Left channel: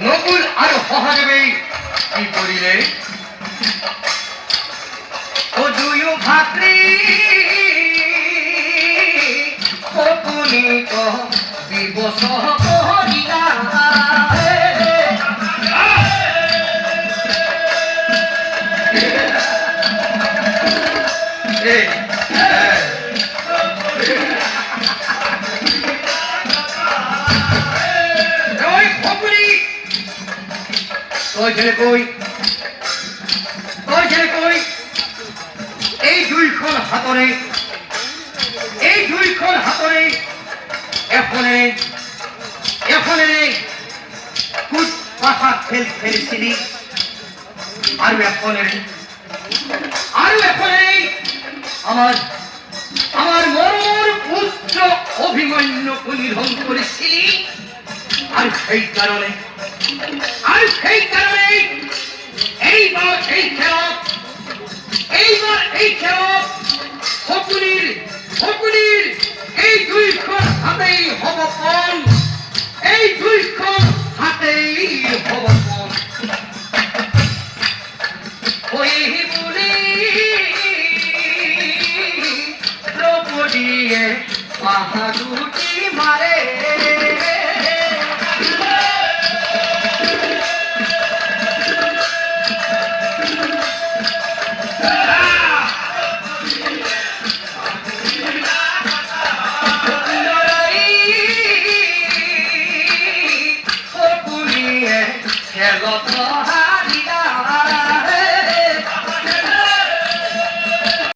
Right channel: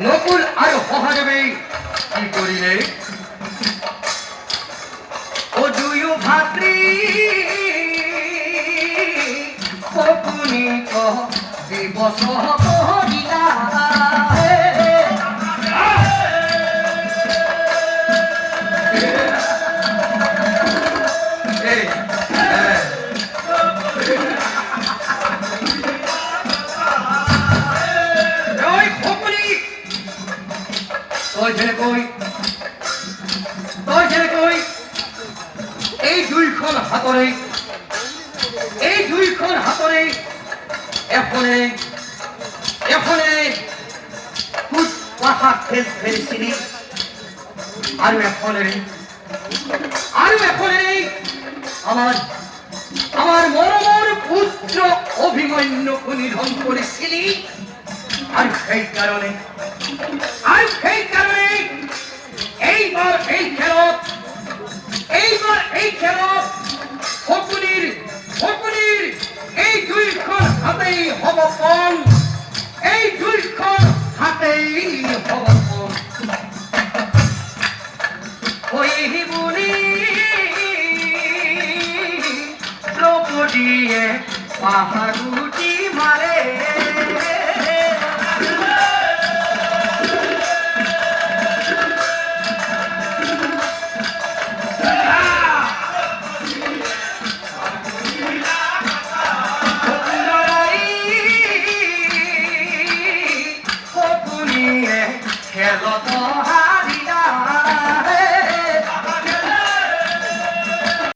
নকুল আর সহাদেৱে কি কৰিলে ও দুয়ো ভাতৃ শকুনিক দিৱস কৰিলা এই দুইখন হাতৰে এখনে কুট পাখা খেলিছিলি আৰু এখনে আমার মৰমৰ পুত্ৰ অভিমন্যুক নিধন কৰিছিলি আৰু সেই কাৰণে এইবাৰ এই খেলত শকুনিৰ এই দুইখন হাতেই হ'ব কম